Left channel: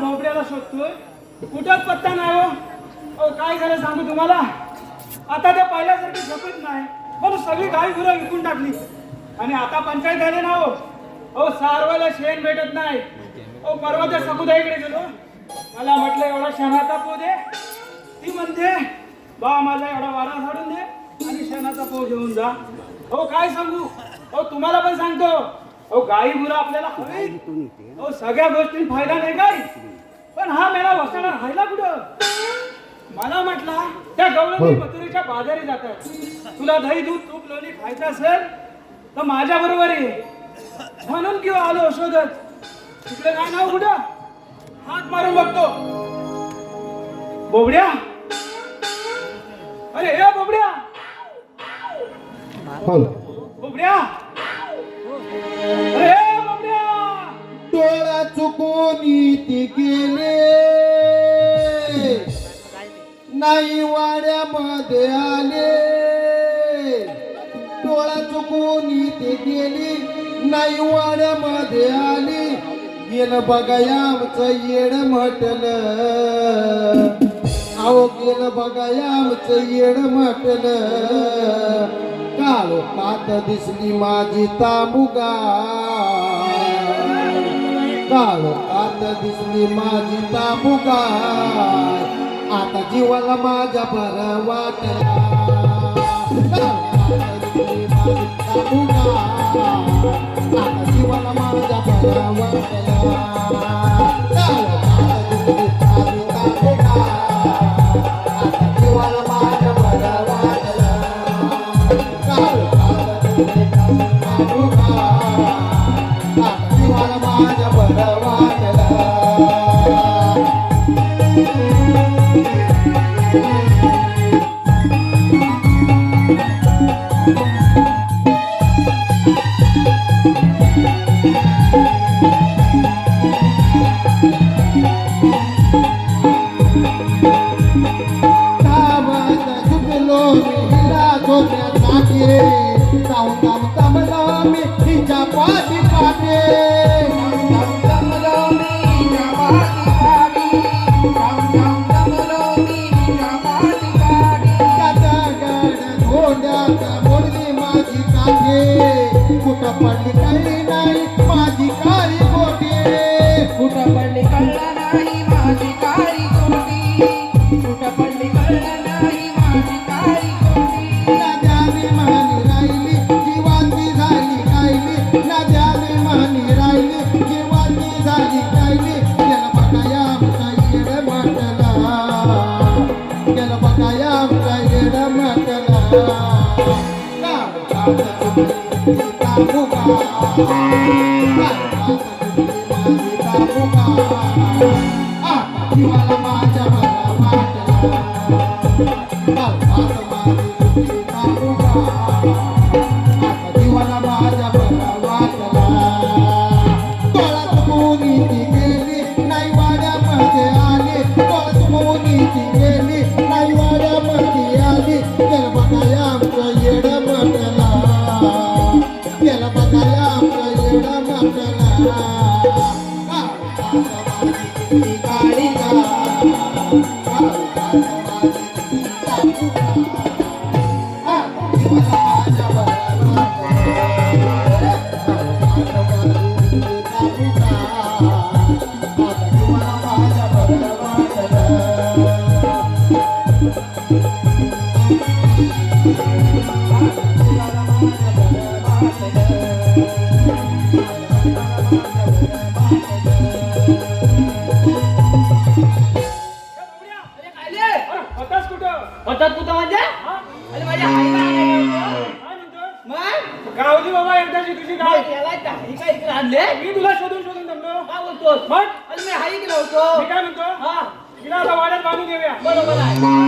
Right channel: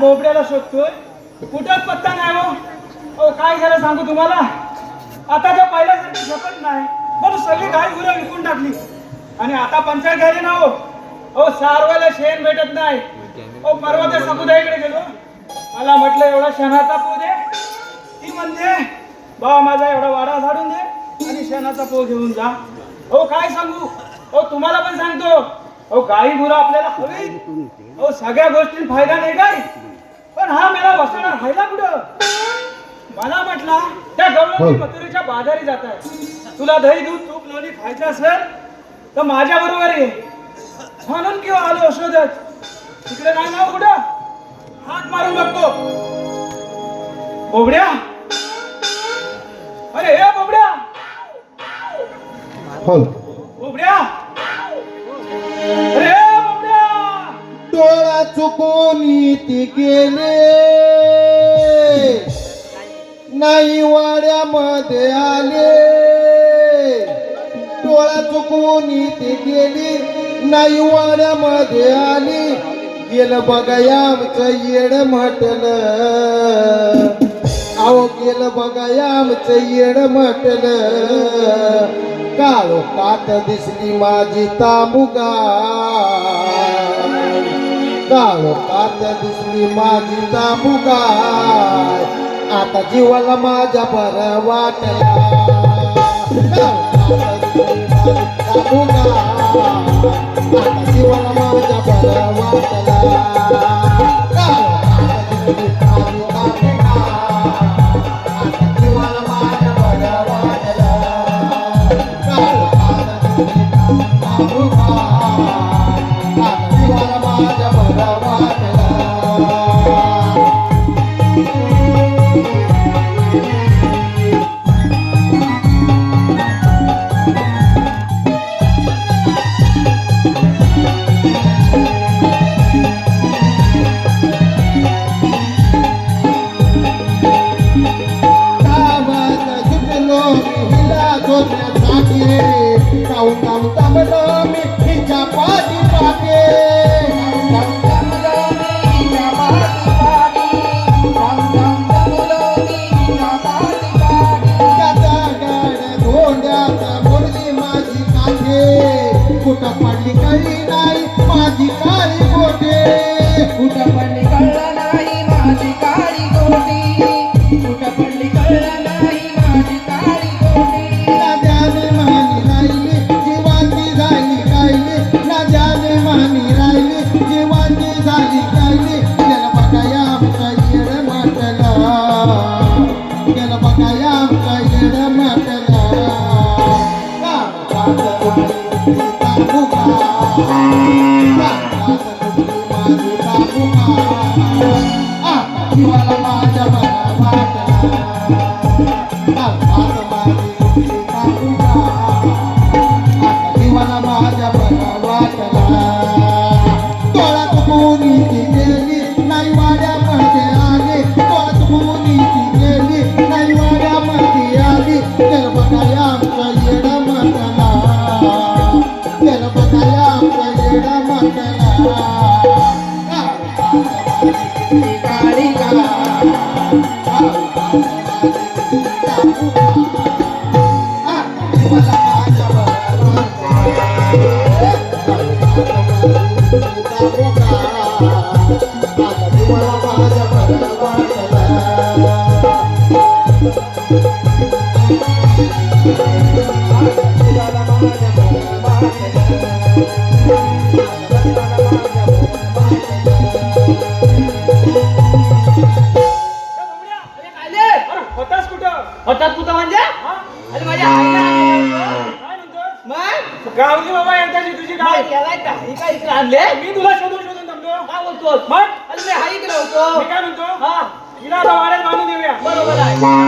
बोबड्याला शोधतोय, कुठंच पत्ता नाही हो. ओ काय झालं सांगू तुम्हाला, आता ते पहिल्यासारखी झपत नाही. बरं सगळी गाई गुरं विकून टाकली आणि आता पंचायत झाली ना हो. ओ सारवायला शेण भेटत नाही. ओ परवा त्या समुदायाकडे गेलो, मला म्हटलं एवढा शेणाचा पो दे. ती म्हणते बाबा माझा एवढा वाडा झाडून दे आणि शेणाचा पो घेऊन जा. हो काय सांगू, ओ तुम्हाला पण सांगतो, ओ गाई गुरं आपल्याला हवी. ओ सगळ्या गोष्टी फायदा नाही काय, पण हा मेला बसणार राहिला कुठं. मला म्हटला त्या गवळणी मथुरेच्या बाजारी जात आहे, तुला दही दूध तूप लोणी खायचं असेल तर माझ्या बरोबर ये. म्हणून किंवा आलो शोधत. तिकडे नाही ना कुठं, हात मारून बघतो. बोबड्या, अरे हे बोबड्या, बोबड्या, अरे बोबड्या. डोळा चुकून ती गेले, नाही वाड्यामध्ये आले. डोळा चुकून ती गेली, नाही वाड्यामध्ये आली. गेलं बघा आमचं येड म्हटलं, अहो गेलं बघा आमचं येड म्हटलं. काळ पात दिसली माझी तांबुगा, काळ पात दिसली माझी तांबुगा. आता जीवाला माझ्या बरं वाटला, तांबुगा. आता जीवाला माझ्या बरं वाटला. गावली बाबा एकदाची तुझी गाय ही काय इकडे आणले? मी तुला शोधून शोधून जमलो. काय बोलतोस? मग अरे मी हाई गेलो होतो. मी काय म्हणतो, हा हिला आता वाड्यात बांधून देऊया. बरोबर आहे.